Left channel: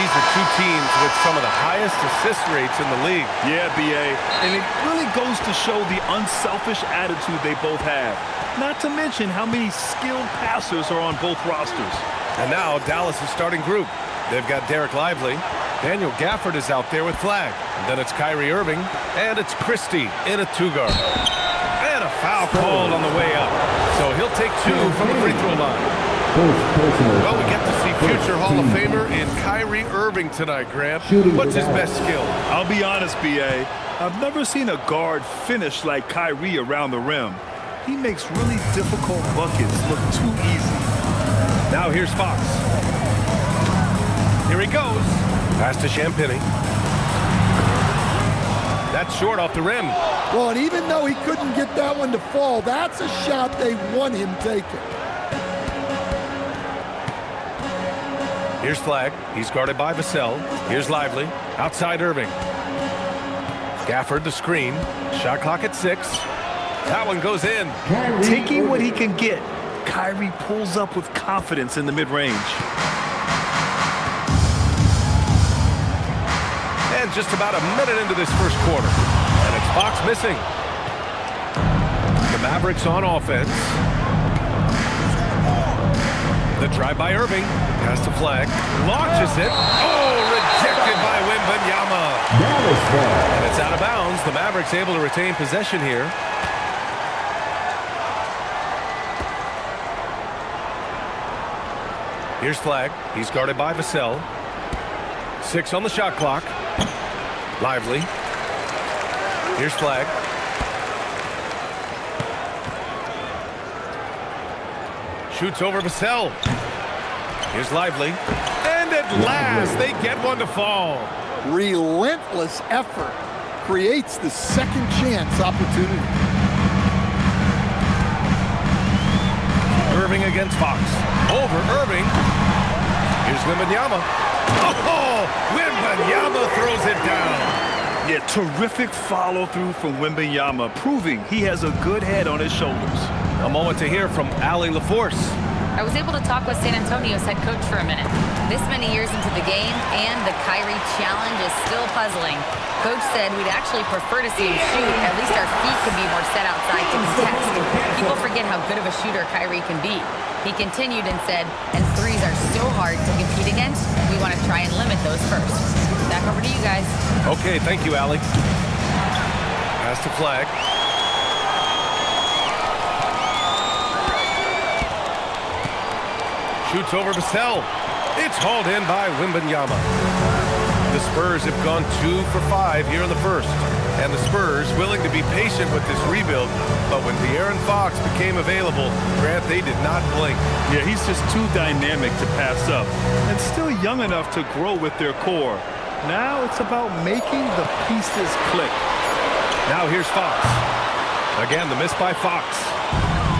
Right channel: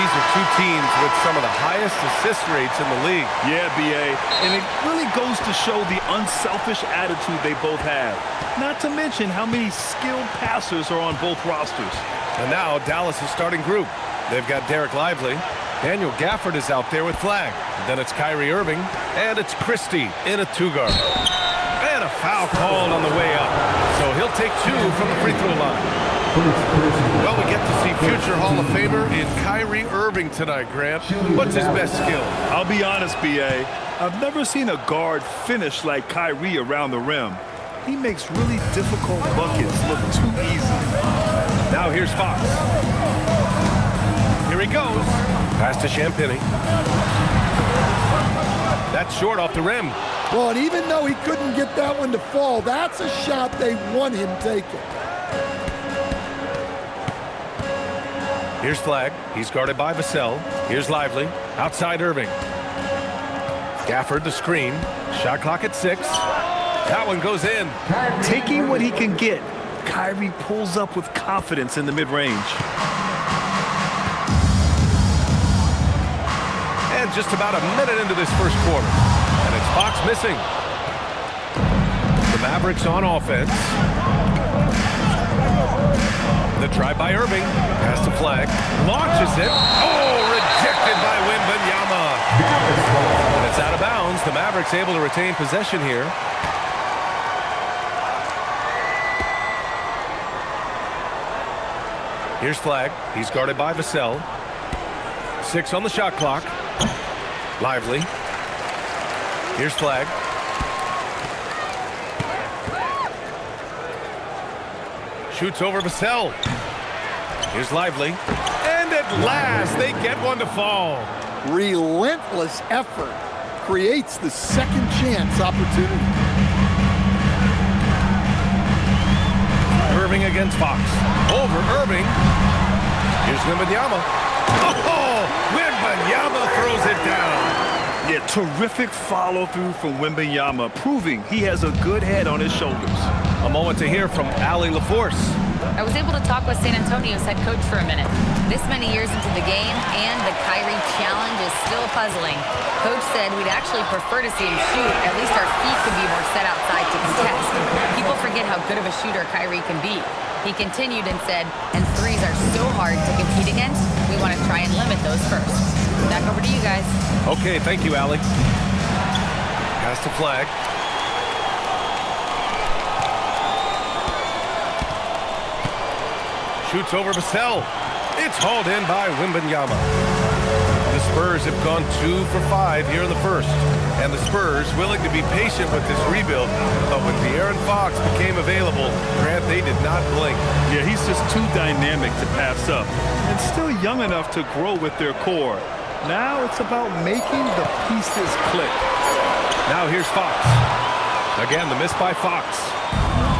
these are two teams with some of the highest assist rates in the league. Yeah, B.A., and it really goes to show the unselfish attitude they both have. Not to mention how many skilled passers are on both rosters. And now Dallas' starting group. They've got Derek Lively. Daniel Gafford is out there with flag. And then it's Kyrie Irving. And it's Christie in a two-guard. And a foul called on the way up. So he'll take two from the free throw line. Well, we get to see future Hall of Famer in Kyrie Irving tonight, Grant. What's his best skill? I'll be honest, B.A., I've never seen a guard finish like Kyrie around the rim. He makes really difficult buckets look too easy. Now here's Fox. Here he goes. Pass to Champagny. That's short off the rim. Well, and even though he couldn't get that one to fall, that's a shot they want him taking. Here's Flag. He's guarded by Vassell. Here's Lively. Outside Irving. Gafford the screen. Shot clock at 6. That one goes in. Taking what he can get, Kyrie pulls up with confidence in the mid-range. And just about a minute into this first quarter. And it's Fox missing. The Mavericks on offense. The drive by Irving. Pass to Flag. Launches it. Oh, rejected by Wembanyama. And it's out of bounds. The Mavericks able to retain possession here. Here's Flag. He's guarded by Vassell. 6 on the shot clock. Lively. Here's Flag. Shoots over Vassell. Here's Lively. And at last, they get one to fall. Relentless effort creates the second chance opportunity. Irving against Fox. Over Irving. Here's Wembanyama. Oh, Wembanyama throws it down. Yeah, terrific follow-through from Wembanyama, proving he has a good head on his shoulders. A moment to hear from Allie LaForce. I was able to talk with San Antonio's head coach for a minute. This many years into the game, and the Kyrie challenge is still puzzling. Coach said we'd actually prefer to see him shoot. At least our feet could be more set outside to contest. People forget how good of a shooter Kyrie can be. He continued and said, and threes are so hard to compete against, we want to try and limit those first. Back over to you guys. Okay, thank you, Allie. Pass to Flag. Shoots over Vassell. It's hauled in by Wembanyama. The Spurs have gone 2 for 5 here in the first. And the Spurs willing to be patient with this rebuild. But when De'Aaron Fox became available, Grant, they did not blink. Yeah, he's just too dynamic to pass up. And still young enough to grow with their core. Now it's about making the pieces click. Now here's Fox. Again, the miss by Fox.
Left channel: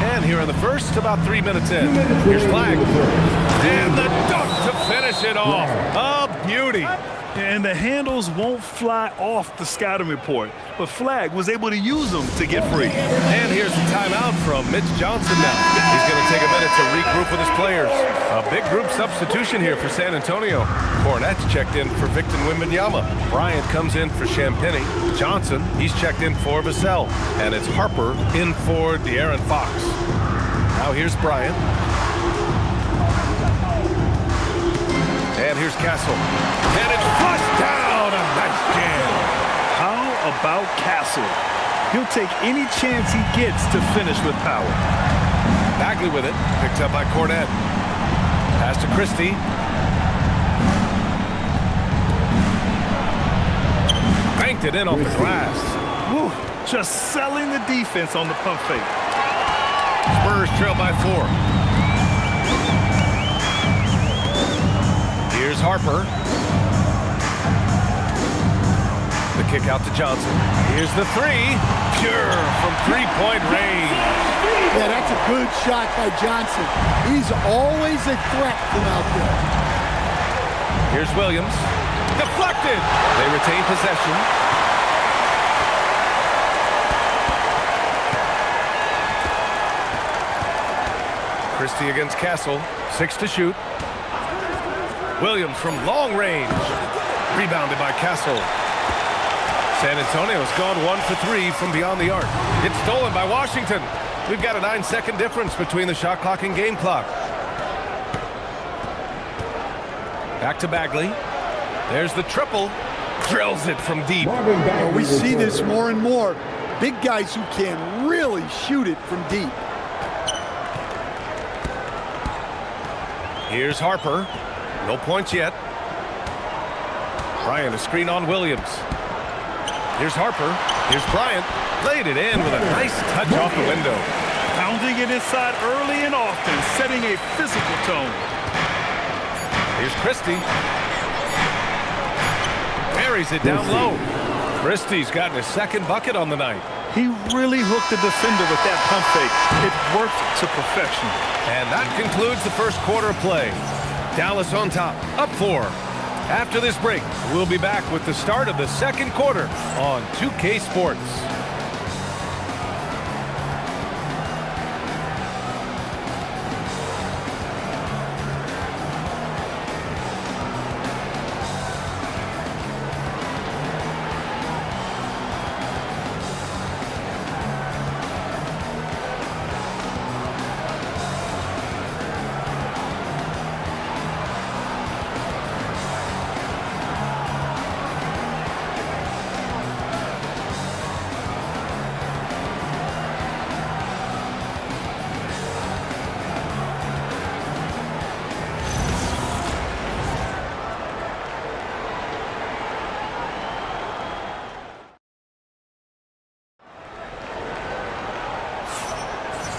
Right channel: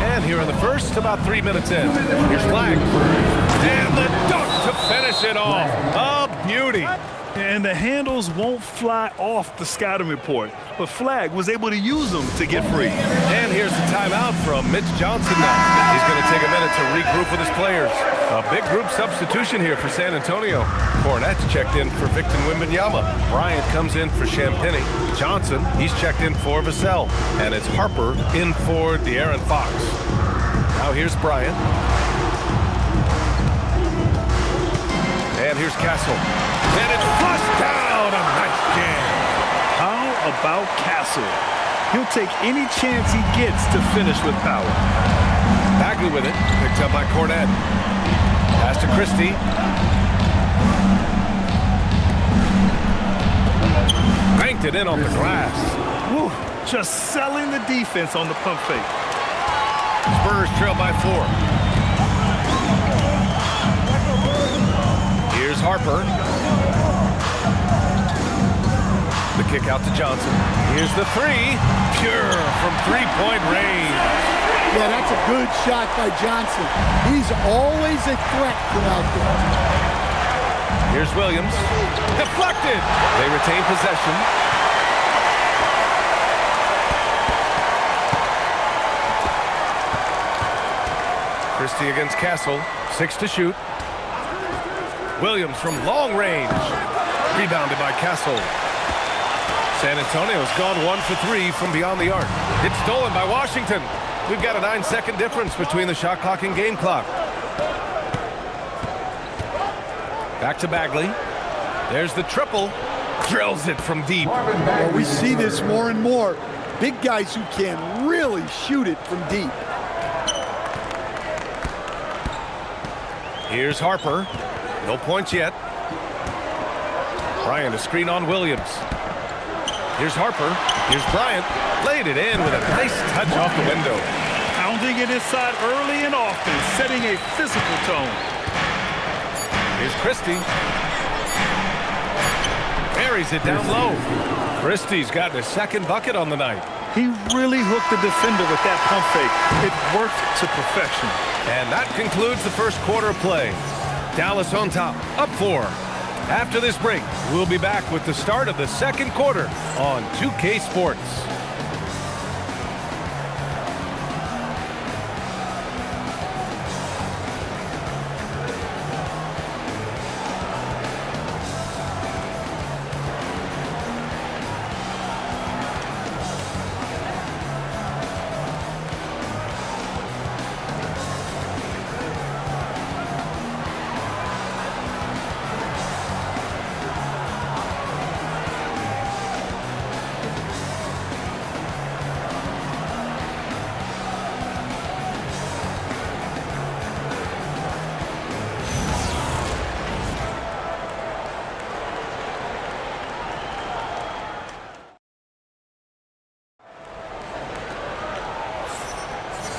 And here in the first, about 3 minutes in. Here's Flag. And the dunk to finish it off. A beauty. And the handles won't fly off the scouting report, but Flag was able to use them to get free. And here's the timeout from Mitch Johnson now. He's going to take a minute to regroup with his players. A big group substitution here for San Antonio. Cornette's checked in for Victor Wembanyama. Bryant comes in for Champagny. Johnson, he's checked in for Vassell. And it's Harper in for De'Aaron Fox. Now here's Bryant. And here's Castle. And it's flushed down. A nice jam. How about Castle? He'll take any chance he gets to finish with power. Bagley with it. Picked up by Cornette. Pass to Christie. Banked it in off the glass. Woo, just selling the defense on the pump fake. Spurs trail by 4. Here's Harper. The kick out to Johnson. Here's the 3. Pure from three-point range. Yeah, that's a good shot by Johnson. He's always a threat from out there. Here's Williams. Deflected. They retain possession. Christie against Castle. 6 to shoot. Williams from long range. Rebounded by Castle. San Antonio's gone 1 for 3 from beyond the arc. It's stolen by Washington. We've got a 9-second difference between the shot clock and game clock. Back to Bagley. There's the triple. Drills it from deep. Well, we see this more and more. Big guys who can really shoot it from deep. Here's Harper. No points yet. Bryant, a screen on Williams. Here's Harper. Here's Bryant. Laid it in with a nice touch off the window. Pounding it inside early and often, setting a physical tone. Here's Christie. Buries it down low. Christie's gotten his second bucket on the night. He really hooked the defender with that pump fake. It worked to perfection. And that concludes the first quarter of play. Dallas on top, up 4. After this break, we'll be back with the start of the second quarter on 2K Sports.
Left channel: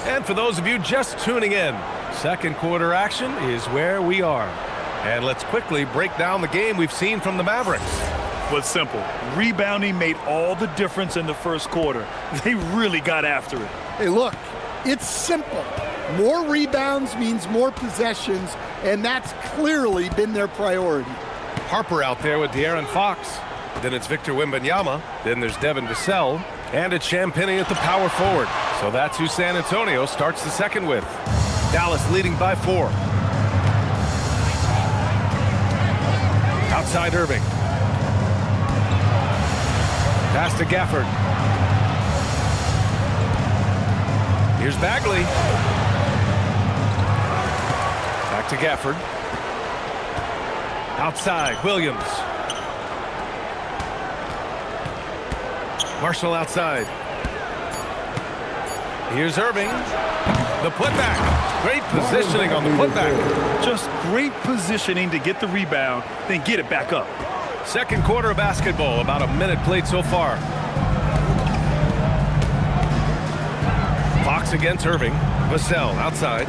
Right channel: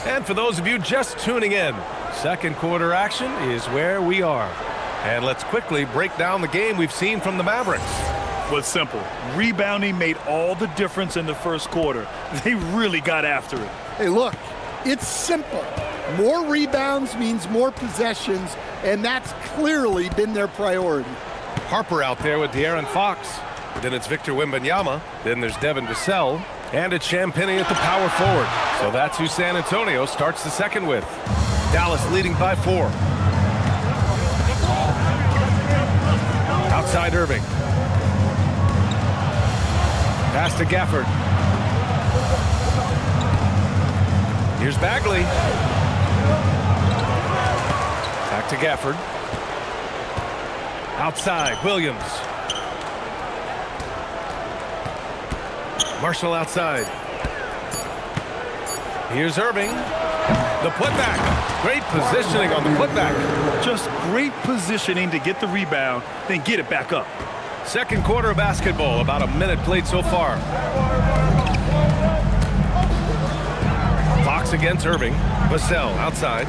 And for those of you just tuning in, second quarter action is where we are. And let's quickly break down the game we've seen from the Mavericks. Was simple. Rebounding made all the difference in the first quarter. They really got after it. Hey, look, it's simple. More rebounds means more possessions, and that's clearly been their priority. Harper out there with De'Aaron Fox. Then it's Victor Wembanyama. Then there's Devin Vassell. And it's Champagnie at the power forward. So that's who San Antonio starts the second with. Dallas leading by 4. Outside Irving. Pass to Gafford. Here's Bagley. Back to Gafford. Outside, Williams. Marshall outside. Here's Irving. The putback. Great positioning on the putback. Just great positioning to get the rebound, then get it back up. Second quarter of basketball, about a minute played so far. Fox against Irving. Vassell outside.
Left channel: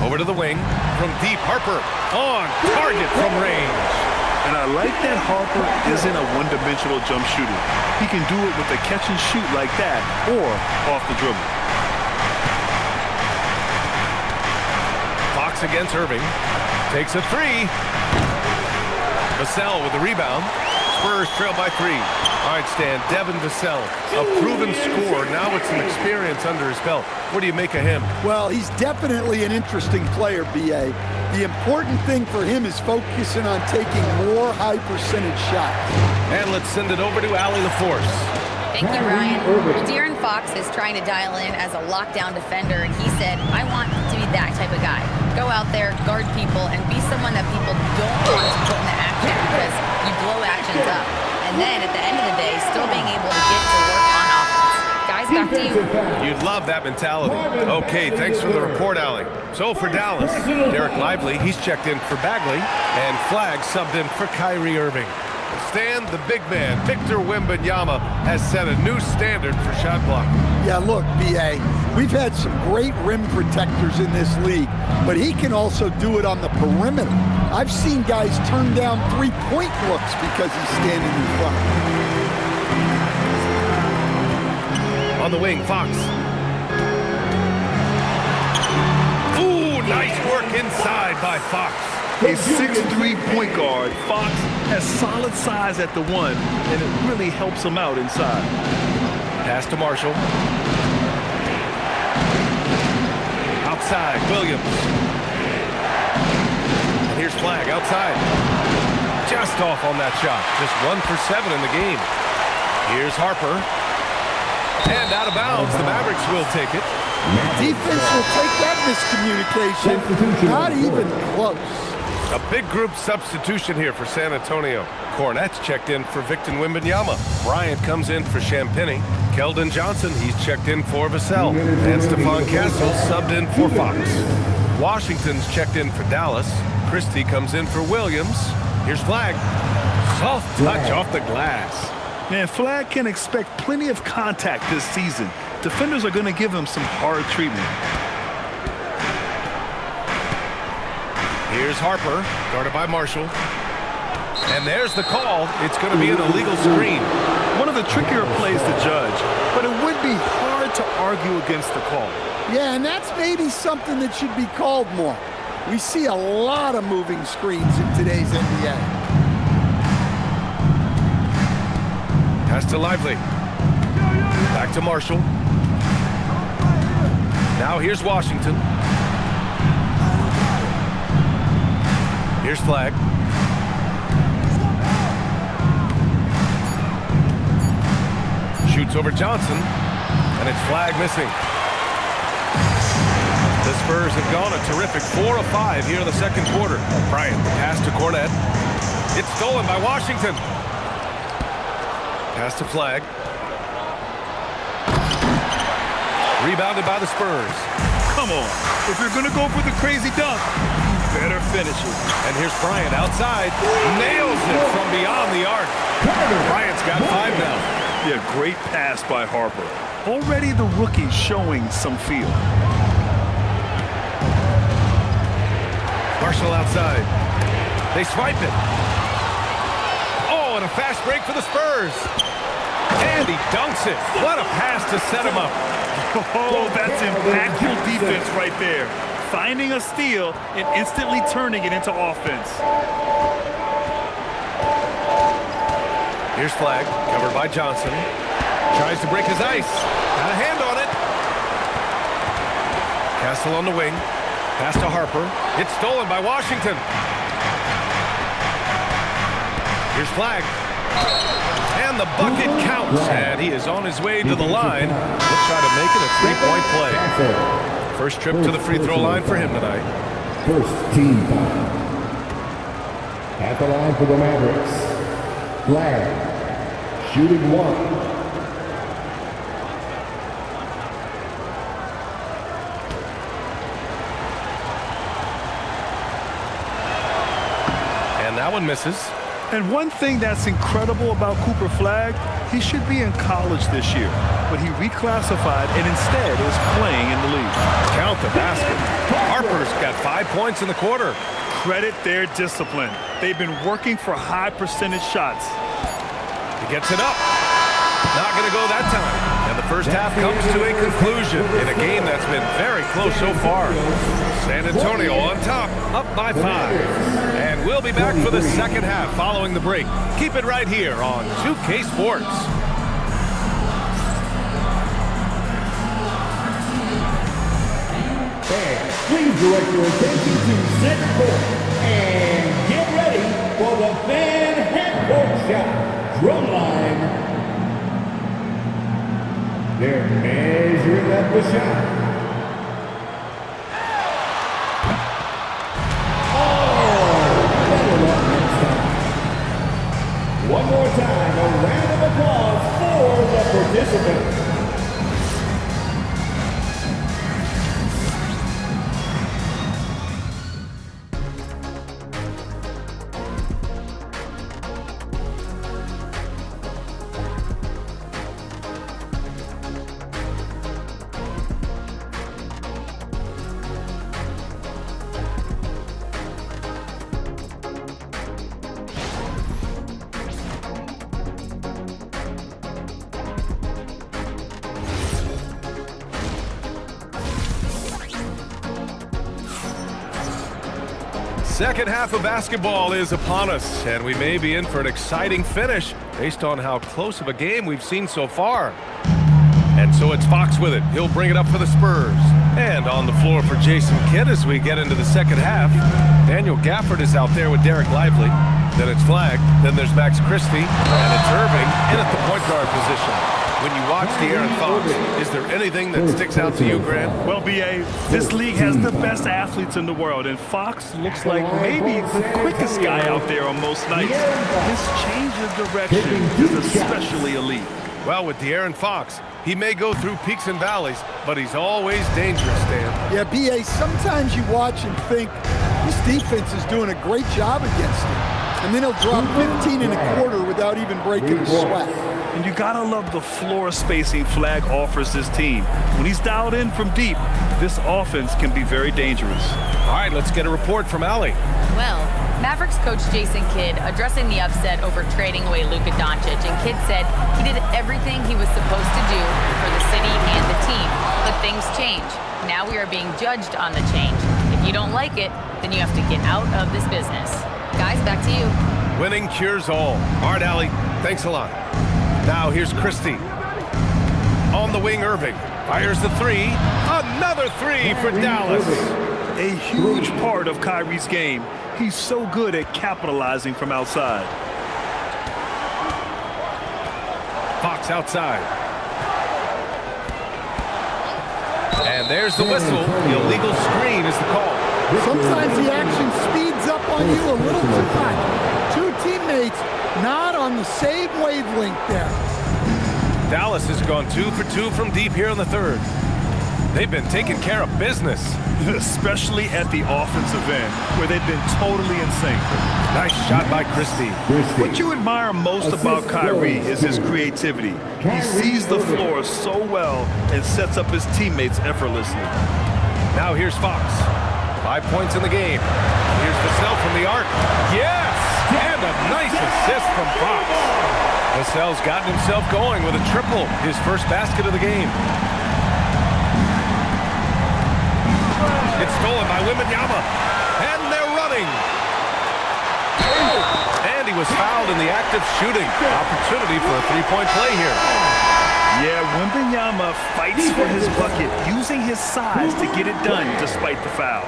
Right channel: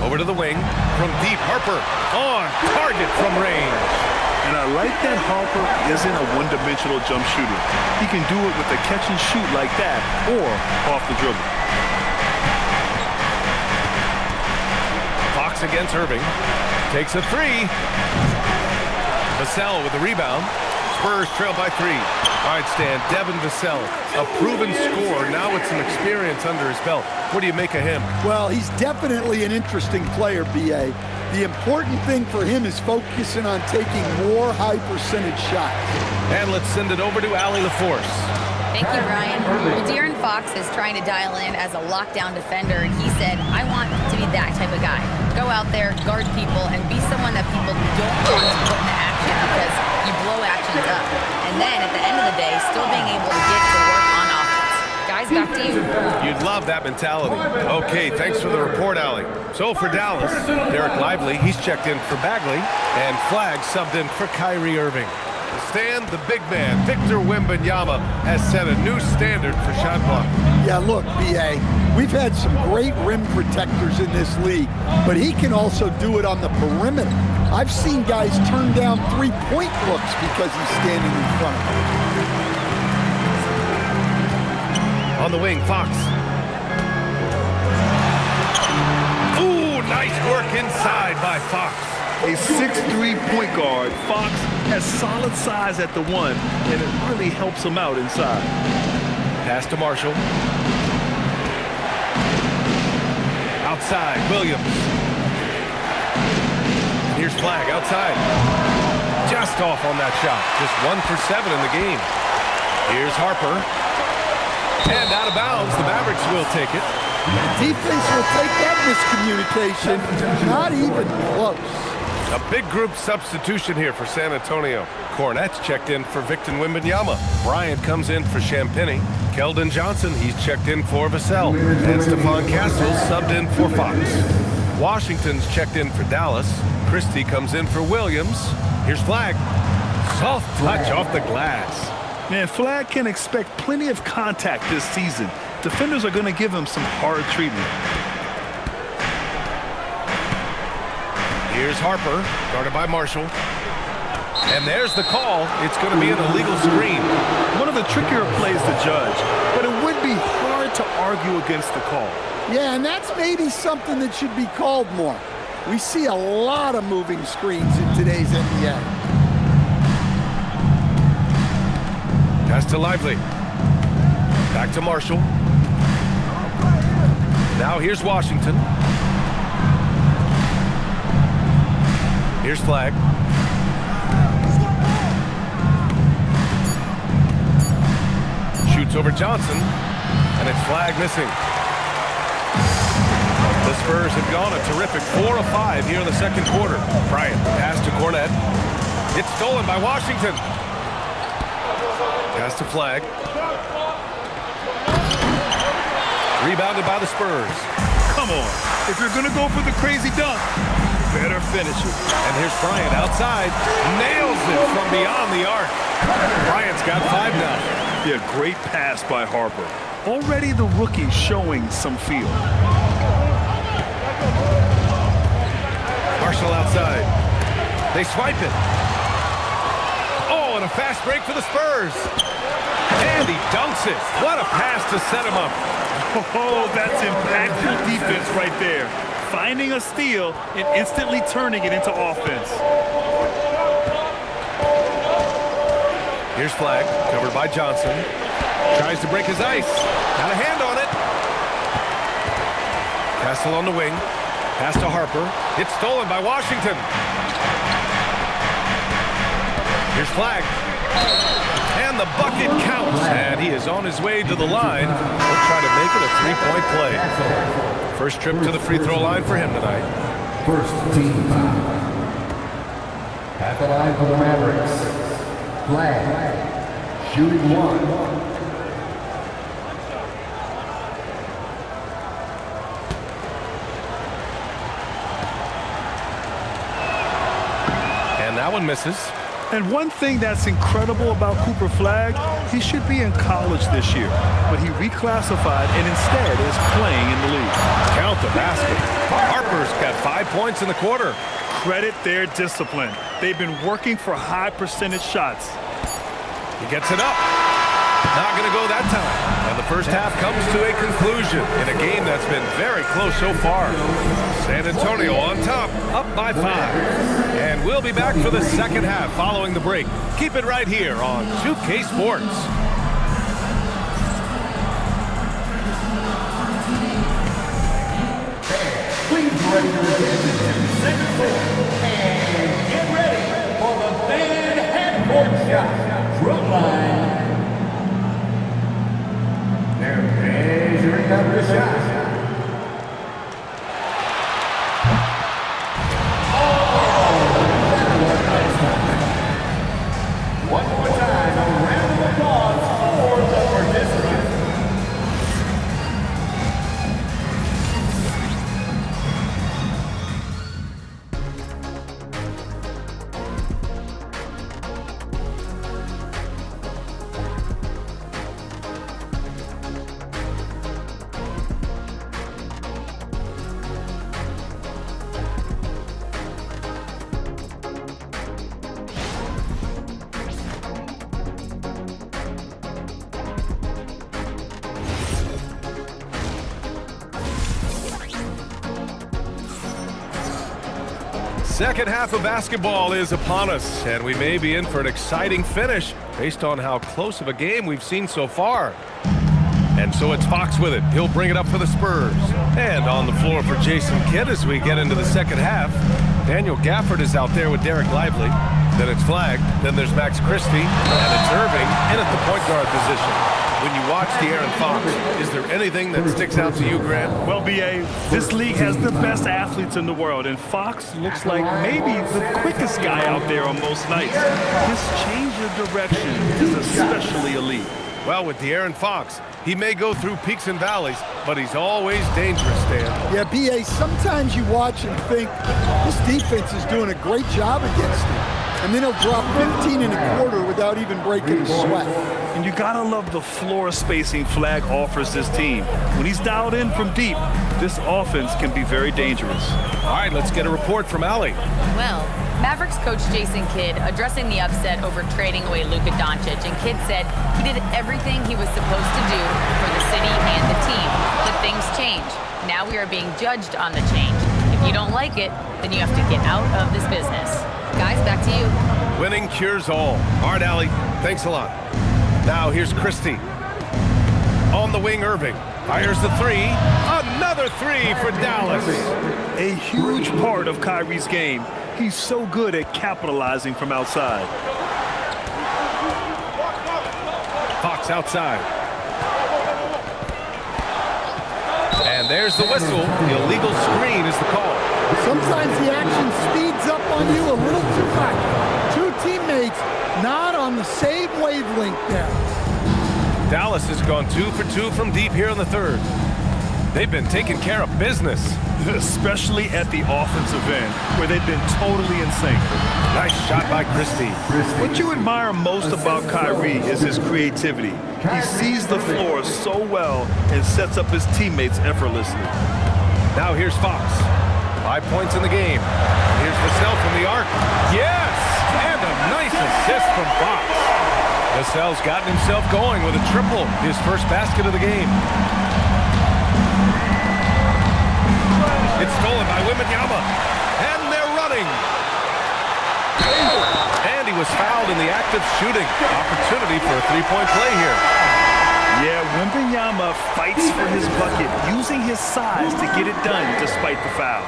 Over to the wing. From deep, Harper on target from range. And I like that Harper isn't a one-dimensional jump shooter. He can do it with a catch and shoot like that or off the dribble. Fox against Irving. Takes a 3. Vassell with the rebound. Spurs trail by 3. All right, Stan, Devin Vassell, a proven scorer, now with some experience under his belt. What do you make of him? Well, he's definitely an interesting player, B.A. The important thing for him is focusing on taking more high-percentage shots. And let's send it over to Allie LaForce. Thank you, Brian. Well, De'Aaron Fox is trying to dial in as a lockdown defender, and he said, I want to be that type of guy. Go out there, guard people, and be someone that people don't want to put into action because you blow actions up. And then at the end of the day, still being able to get to work on offense. Guys, back to you. You'd love that mentality. Okay, thanks for the report, Allie. So for Dallas, Derek Lively, he's checked in for Bagley, and Flagg subbed in for Kyrie Irving. Stan, the big man, Victor Wembanyama, has set a new standard for shot blocking. Yeah, look, B.A., we've had some great rim protectors in this league, but he can also do it on the perimeter. I've seen guys turn down three-point looks because he's standing in front of them. On the wing, Fox. Ooh, nice work inside by Fox. A 6'3" point guard, Fox has solid size at the 1, and it really helps him out inside. Pass to Marshall. Outside, Williams. And here's Flag outside. Just off on that shot. Just 1 for 7 in the game. Here's Harper. And out of bounds, the Mavericks will take it. Defense will take that miscommunication. Not even close. A big group substitution here for San Antonio. Cornette's checked in for Victor Wembanyama. Bryant comes in for Champagny. Keldon Johnson, he's checked in for Vassell. And Stephon Castle subbed in for Fox. Washington's checked in for Dallas. Christie comes in for Williams. Here's Flag. Soft touch off the glass. Man, Flag can expect plenty of contact this season. Defenders are going to give him some hard treatment. Here's Harper, guarded by Marshall. And there's the call. It's going to be an illegal screen. One of the trickier plays to judge, but it would be hard to argue against the call. Yeah, and that's maybe something that should be called more. We see a lot of moving screens in today's NBA. Pass to Lively. Back to Marshall. Now here's Washington. Here's Flag. Shoots over Johnson, and it's Flag missing. The Spurs have gone a terrific 4 of 5 here in the second quarter. Bryant, the pass to Cornette. It's stolen by Washington. Pass to Flag. Rebounded by the Spurs. Come on. If you're going to go for the crazy dunk, you better finish it. And here's Bryant outside. Nails it from beyond the arc. Bryant's got 5 now. Yeah, great pass by Harper. Already the rookie showing some feel. Marshall outside. They swipe it. Oh, and a fast break for the Spurs. And he dunks it. What a pass to set him up. Oh, that's impactful defense right there. Finding a steal and instantly turning it into offense. Here's Flag, covered by Johnson. Tries to break his ice. Got a hand on it. Castle on the wing. Pass to Harper. It's stolen by Washington. Here's Flag. And the bucket counts. And he is on his way to the line. He'll try to make it a 3-point play. First trip to the free throw line for him tonight. First team foul. At the line for the Mavericks. Flag. Shooting 1. And that one misses. And one thing that's incredible about Cooper Flag, he should be in college this year, but he reclassified and instead is playing in the league. Count the basket. Harper's got 5 points in the quarter. Credit their discipline. They've been working for high percentage shots. He gets it up. Not going to go that time. And the first half comes to a conclusion in a game that's been very close so far. San Antonio on top, up by 5. And we'll be back for the second half following the break. Keep it right here on 2K Sports. Fans, please direct your attention to center court and get ready for the fan half-court shot. Drum line. They're measuring up the shot. One more time, a round of applause for the participants. Second half of basketball is upon us, and we may be in for an exciting finish based on how close of a game we've seen so far. And so it's Fox with it. He'll bring it up for the Spurs. And on the floor for Jason Kidd as we get into the second half. Daniel Gafford is out there with Derek Lively. Then it's flagged. Then there's Max Christie. And it's Irving in at the point guard position. When you watch De'Aaron Fox, is there anything that sticks out to you, Grant? Well, B.A., this league has the best athletes in the world, and Fox looks like maybe the quickest guy out there on most nights. His change of direction is especially elite. Well, with De'Aaron Fox, he may go through peaks and valleys, but he's always dangerous, Dan. Yeah, B.A., sometimes you watch and think, this defense is doing a great job against him. And then he'll drop 15 and a quarter without even breaking a sweat. And you gotta love the floor spacing Flag offers this team. When he's dialed in from deep, this offense can be very dangerous. All right, let's get a report from Allie. Well, Mavericks coach Jason Kidd addressing the upset over trading away Luka Doncic, and Kidd said he did everything he was supposed to do for the city and the team. But things change. Now we are being judged on the change. If you don't like it, then you have to get out of this business. Guys, back to you. Winning cures all. All right, Allie, thanks a lot. Now here's Christie. On the wing, Irving. Fires the three. Another three for Dallas. A huge part of Kyrie's game. He's so good at capitalizing from outside. Fox outside. And there's the whistle. The illegal screen is the call. Sometimes the action speeds up on you a little too much. Two teammates not on the same wavelength there. Dallas has gone 2 for 2 from deep here in the third. They've been taking care of business. Especially at the offensive end, where they've been totally in sync. Nice shot by Christie. What you admire most about Kyrie is his creativity. He sees the floor so well and sets up his teammates effortlessly. Now here's Fox. 5 points in the game. And here's Vassell from the arc. Yes! And a nice assist from Fox. Vassell's gotten himself going with a triple, his first basket of the game. It's stolen by Wembanyama. And they're running. And he was fouled in the act of shooting. Opportunity for a three-point play here. Yeah, Wembanyama fights for his bucket, using his size to get it done despite the foul.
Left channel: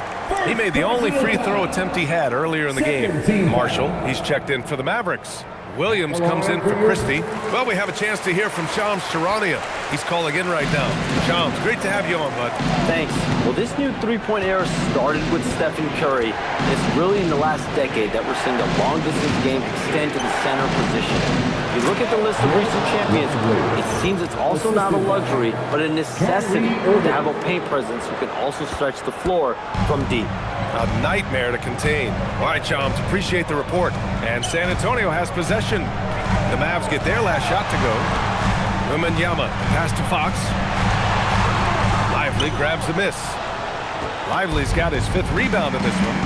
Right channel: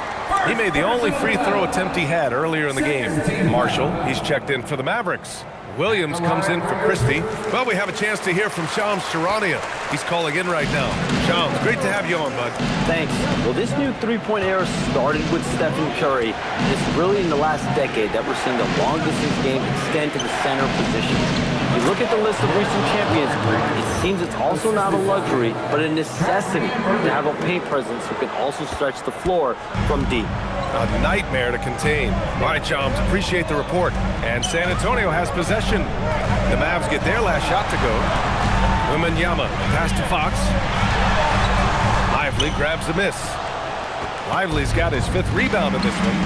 He made the only free throw attempt he had earlier in the game. Marshall, he's checked in for the Mavericks. Williams comes in for Christie. Well, we have a chance to hear from Shams Charania. He's calling in right now. Shams, great to have you on, bud. Thanks. Well, this new three-point era started with Stephen Curry. And it's really in the last decade that we're seeing the long-distance game extend to the center position. You look at the list of recent champions, it seems it's also not a luxury, but a necessity to have a paint presence who can also stretch the floor from deep. A nightmare to contain. All right, Shams, appreciate the report. And San Antonio has possession. The Mavs get their last shot to go. Wembanyama, pass to Fox. Lively grabs the miss. Lively's got his 5th rebound in this one.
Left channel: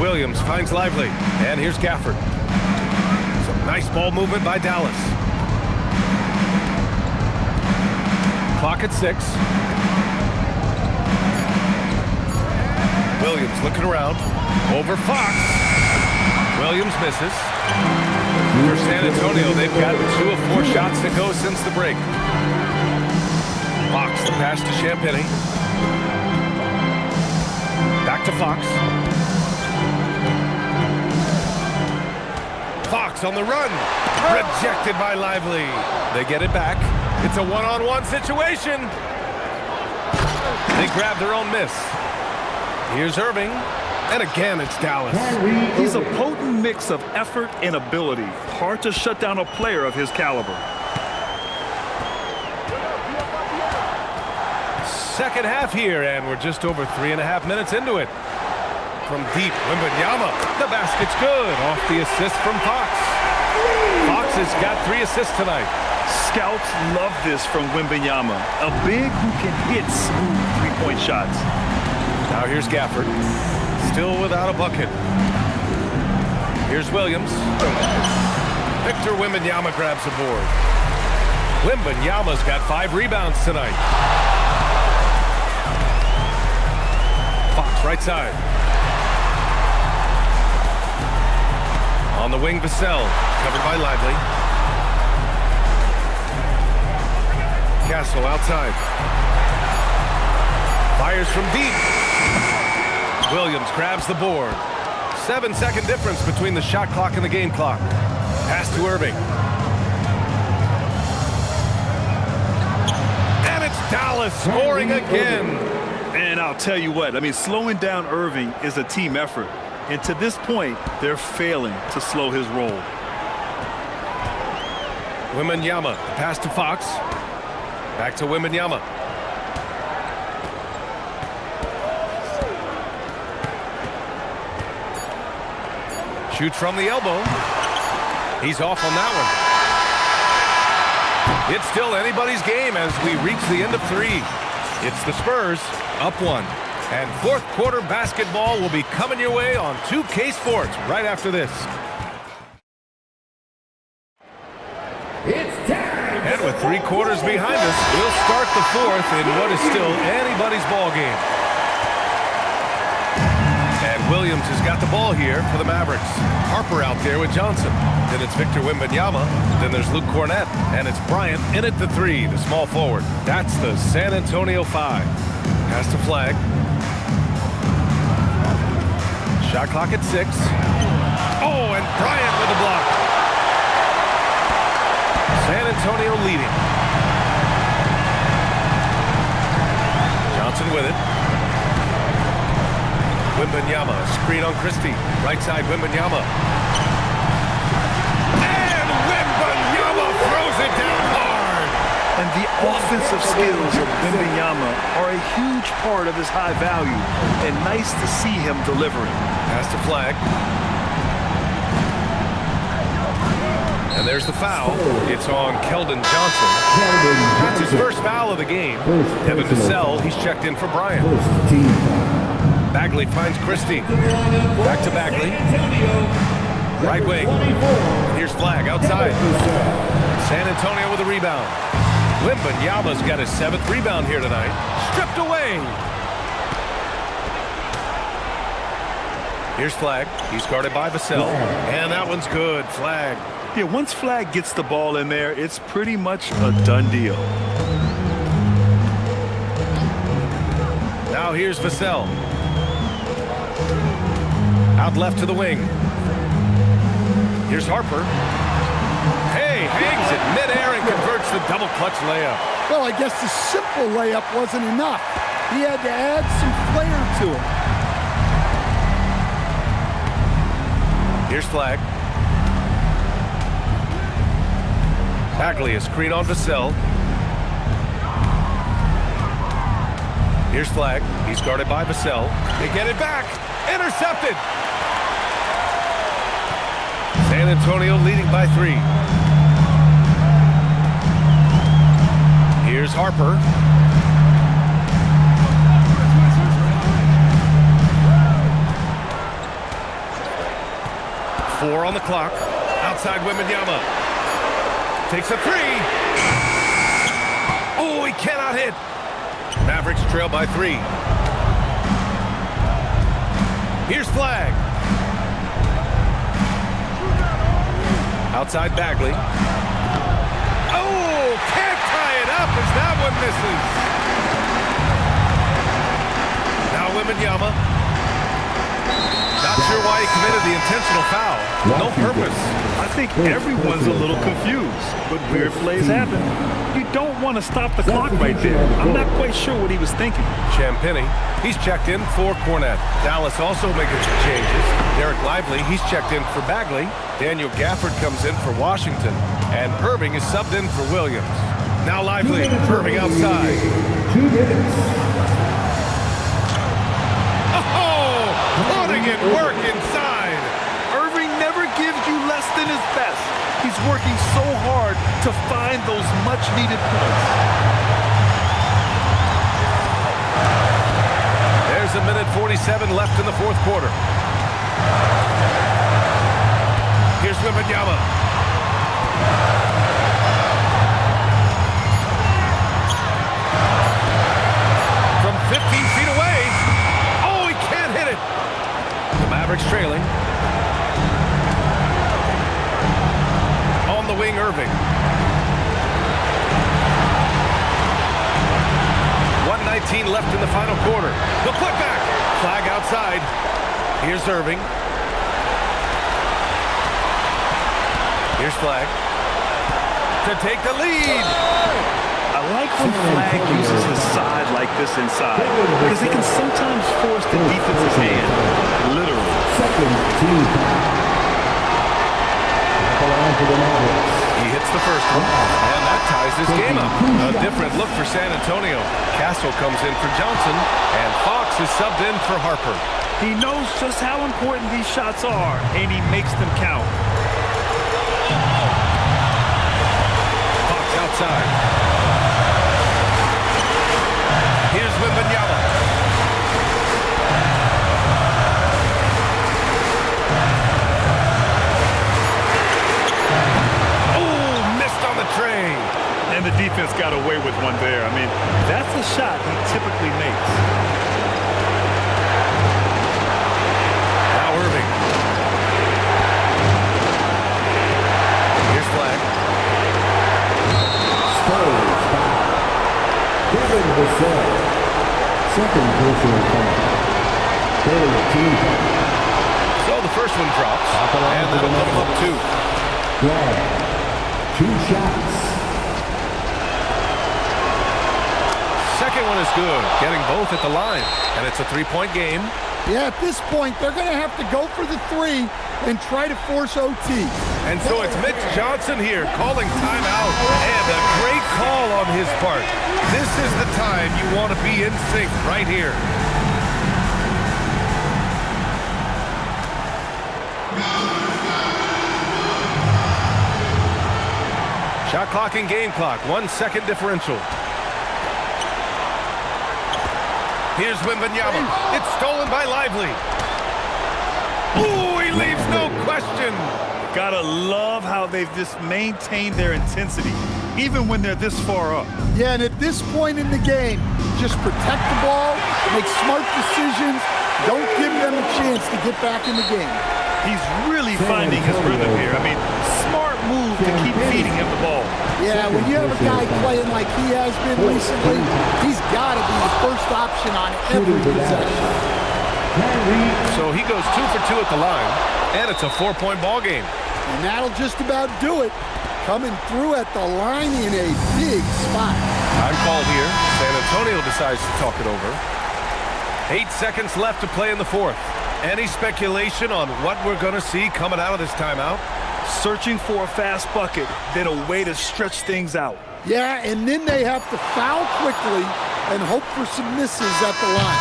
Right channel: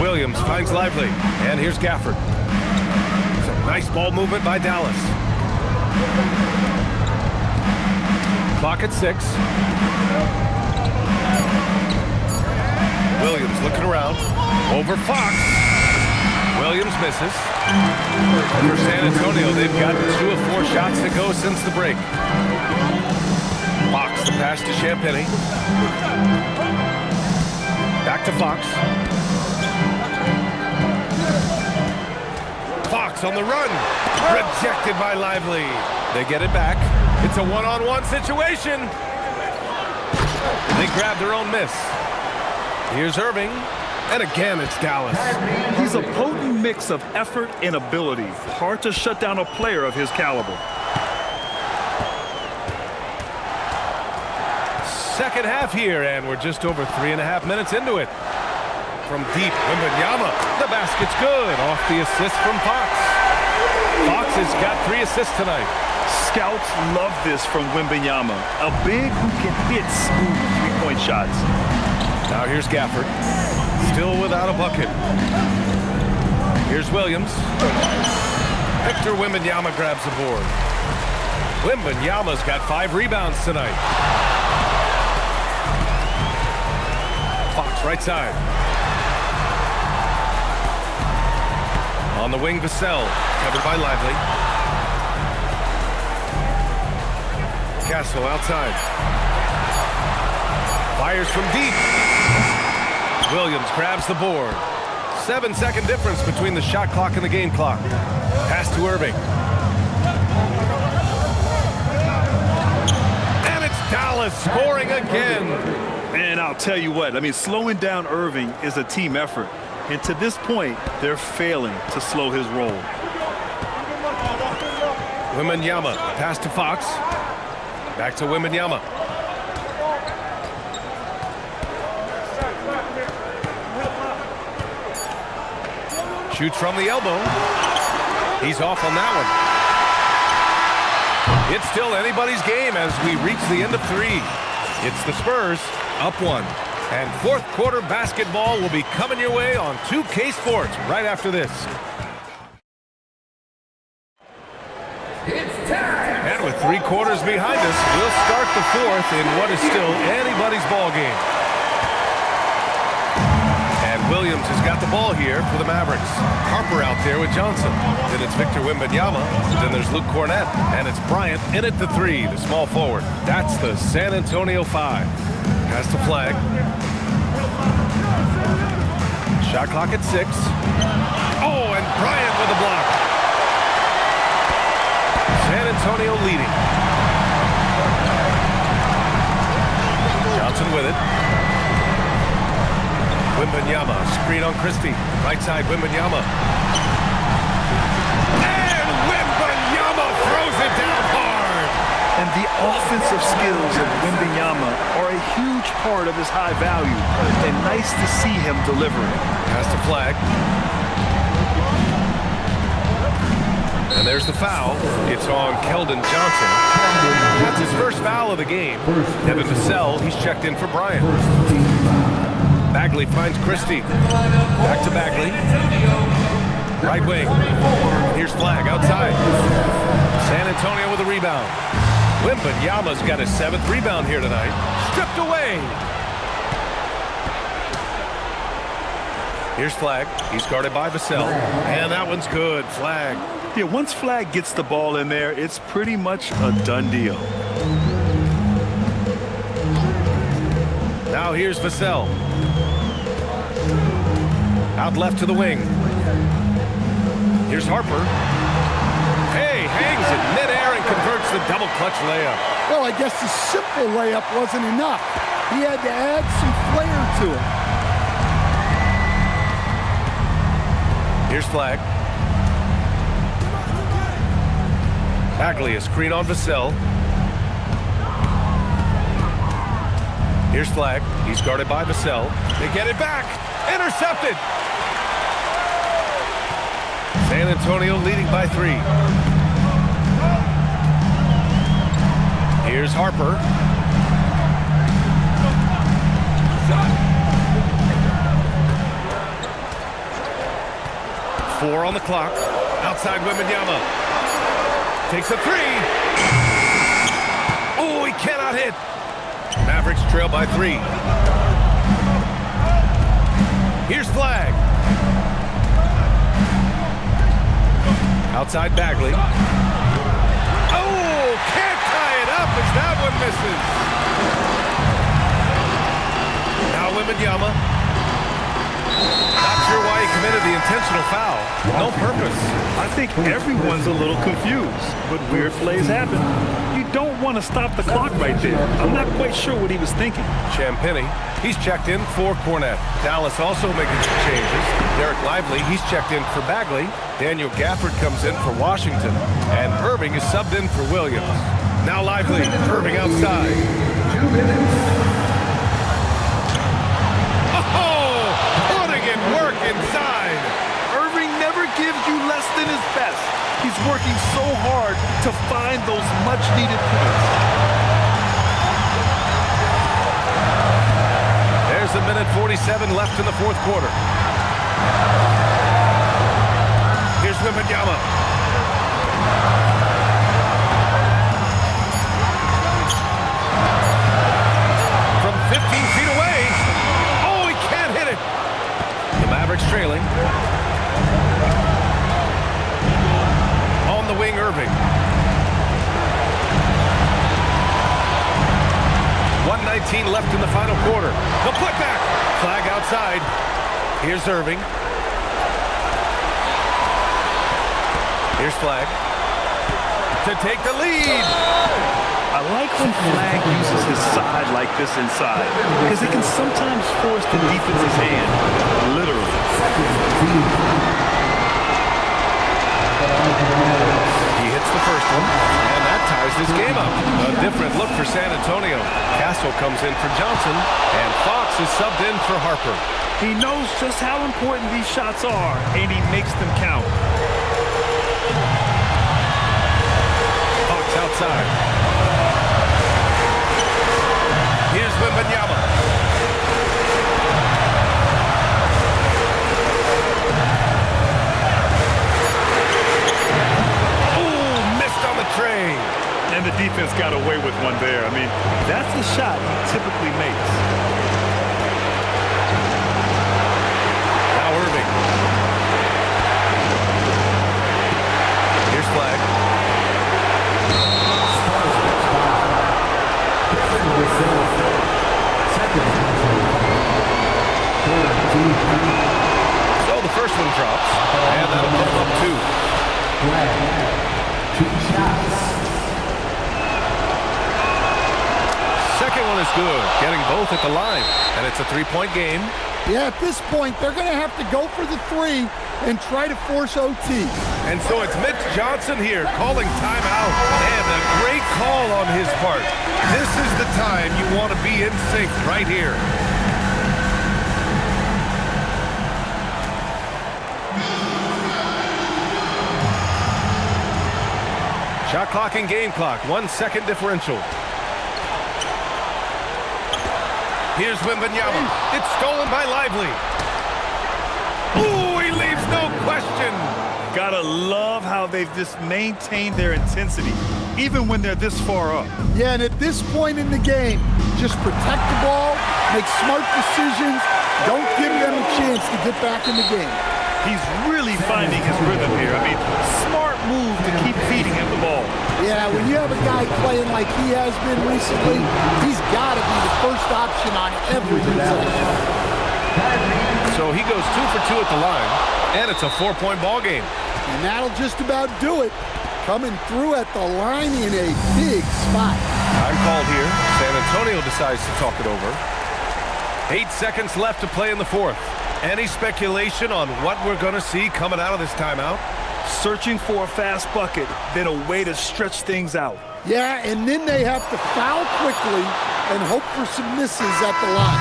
Williams finds Lively. And here's Gafford. Some nice ball movement by Dallas. Clock at 6. Williams looking around. Over Fox. Williams misses. For San Antonio, they've gotten 2 of 4 shots to go since the break. Fox, the pass to Champagny. Back to Fox. Fox on the run. Rejected by Lively. They get it back. It's a one-on-one situation. They grab their own miss. Here's Irving. And again, it's Dallas. He's a potent mix of effort and ability. Hard to shut down a player of his caliber. Second half here, and we're just over 3.5 minutes into it. From deep, Wembanyama. The basket's good. Off the assist from Fox. Fox has got 3 assists tonight. Scouts love this from Wembanyama. A big who can hit smooth three-point shots. Now here's Gafford. Still without a bucket. Here's Williams. Victor Wembanyama grabs the board. Wembanyama's got 5 rebounds tonight. Fox right side. On the wing, Vassell. Covered by Lively. Castle outside. Fires from deep. Williams grabs the board. 7-second difference between the shot clock and the game clock. Pass to Irving. And it's Dallas scoring again. And I'll tell you what, I mean, slowing down Irving is a team effort. And to this point, they're failing to slow his roll. Wembanyama, pass to Fox. Back to Wembanyama. Shoots from the elbow. He's off on that one. It's still anybody's game as we reach the end of 3. It's the Spurs up 1. And fourth quarter basketball will be coming your way on 2K Sports right after this. It's time. And with 3 quarters behind us, we'll start the fourth in what is still anybody's ball game. And Williams has got the ball here for the Mavericks. Harper out there with Johnson. Then it's Victor Wembanyama. Then there's Luke Cornett. And it's Bryant in at the 3, the small forward. That's the San Antonio 5. Pass to Flag. Shot clock at 6. Oh, and Bryant with the block. San Antonio leading. Johnson with it. Wembanyama, screen on Christie. Right side, Wembanyama. And Wembanyama throws it down hard. And the offensive skills of Wembanyama are a huge part of his high value. And nice to see him delivering. Pass to Flag. And there's the foul. It's on Keldon Johnson. That's his first foul of the game. Devin Vassell, he's checked in for Bryant. Bagley finds Christie. Back to Bagley. Right wing. And here's Flag outside. San Antonio with a rebound. Wembanyama's got his 7th rebound here tonight. Stripped away. Here's Flag. He's guarded by Vassell. And that one's good. Flag. Yeah, once Flag gets the ball in there, it's pretty much a done deal. Now here's Vassell. Out left to the wing. Here's Harper. Hey, hangs it midair and converts the double clutch layup. Well, I guess the simple layup wasn't enough. He had to add some flair to it. Here's Flag. Bagley, a screen on Vassell. Here's Flag. He's guarded by Vassell. They get it back. Intercepted. San Antonio leading by 3. Here's Harper. Four on the clock. Outside Wembanyama. Takes a 3. Oh, he cannot hit. Mavericks trail by 3. Here's Flag. Outside Bagley. Oh, can't tie it up as that one misses. Now Wembanyama. Not sure why he committed the intentional foul. No purpose. I think everyone's a little confused, but weird plays happen. You don't want to stop the clock right there. I'm not quite sure what he was thinking. Champagny, he's checked in for Cornett. Dallas also making some changes. Derek Lively, he's checked in for Bagley. Daniel Gafford comes in for Washington. And Irving is subbed in for Williams. Now Lively, Irving outside. 2 minutes. Oh, putting in work inside. Irving never gives you less than his best. He's working so hard to find those much-needed points. There's a minute 47 left in the fourth quarter. Here's Wembanyama. From 15 feet away. Oh, he can't hit it. The Mavericks trailing. On the wing, Irving. 1:19 left in the final quarter. The putback. Flag outside. Here's Irving. Here's Flag to take the lead. I like when Flag uses his side like this inside because it can sometimes force the defense's hand, literally. He hits the first one, and that ties this game up. A different look for San Antonio. Castle comes in for Johnson, and Fox is subbed in for Harper. He knows just how important these shots are, and he makes them count. Fox outside. Here's Wembanyama. Oh, missed on the tray. And the defense got away with one there. I mean, that's a shot he typically makes. Now Irving. Here's Flag. Second personal foul. So the first one drops, and that'll put him up 2. Flag. 2 shots. Second one is good, getting both at the line, and it's a 3-point game. Yeah, at this point, they're going to have to go for the 3 and try to force OT. And so it's Mitch Johnson here calling timeout, and a great call on his part. This is the time you want to be in sync right here. Shot clock and game clock, 1 second differential. Here's Wembanyama. It's stolen by Lively. Ooh, he leaves no question. Gotta love how they've just maintained their intensity, even when they're this far up. Yeah, and at this point in the game, just protect the ball, make smart decisions, don't give them a chance to get back in the game. He's really finding his rhythm here. I mean, smart move to keep feeding him the ball. Yeah, when you have a guy playing like he has been recently, he's got to be the first option on every possession. So he goes 2 for 2 at the line, and it's a 4-point ball game. And that'll just about do it. Coming through at the line in a big spot. Time called here. San Antonio decides to talk it over. 8 seconds left to play in the fourth. Any speculation on what we're going to see coming out of this timeout? Searching for a fast bucket, then a way to stretch things out. Yeah, and then they have to foul quickly and hope for some misses at the line.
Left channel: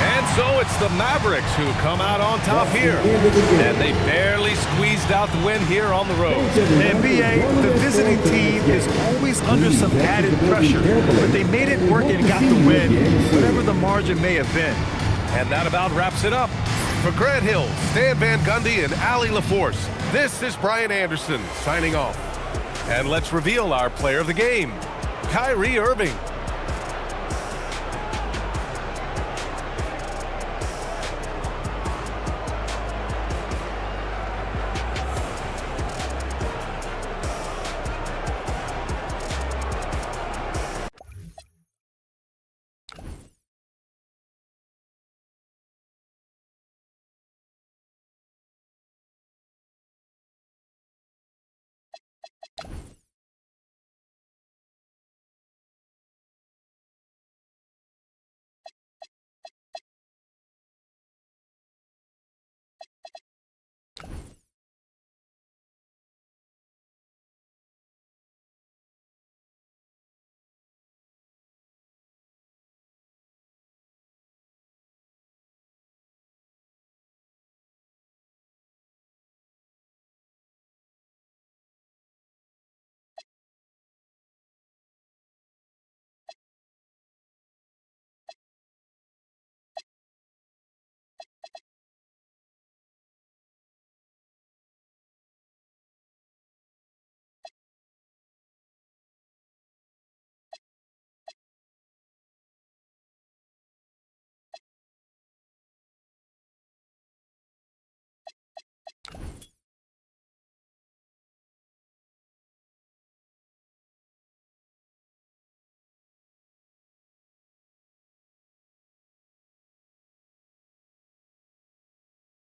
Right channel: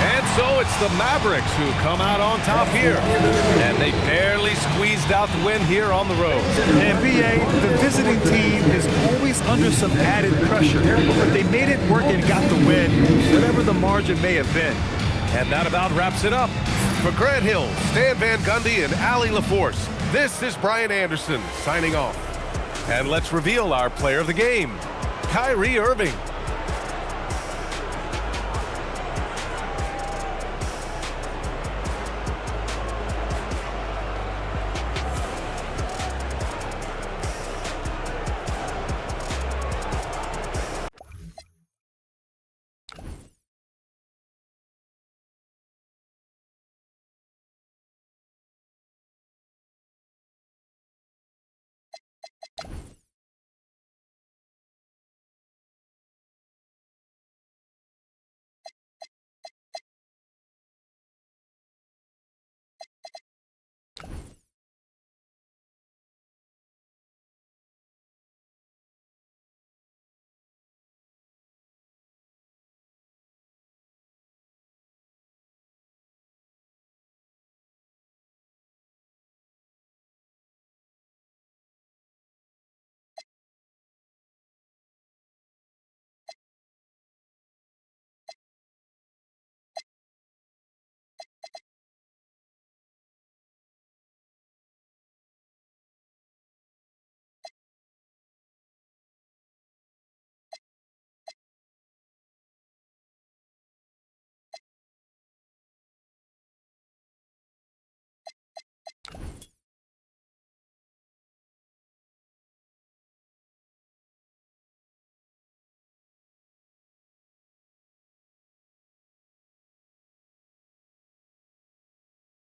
And so it's the Mavericks who come out on top here. And they barely squeezed out the win here on the road. And B.A., the visiting team is always under some added pressure, but they made it work and got the win, whatever the margin may have been. And that about wraps it up. For Grant Hill, Stan Van Gundy, and Allie LaForce, this is Brian Anderson signing off. And let's reveal our player of the game, Kyrie Irving.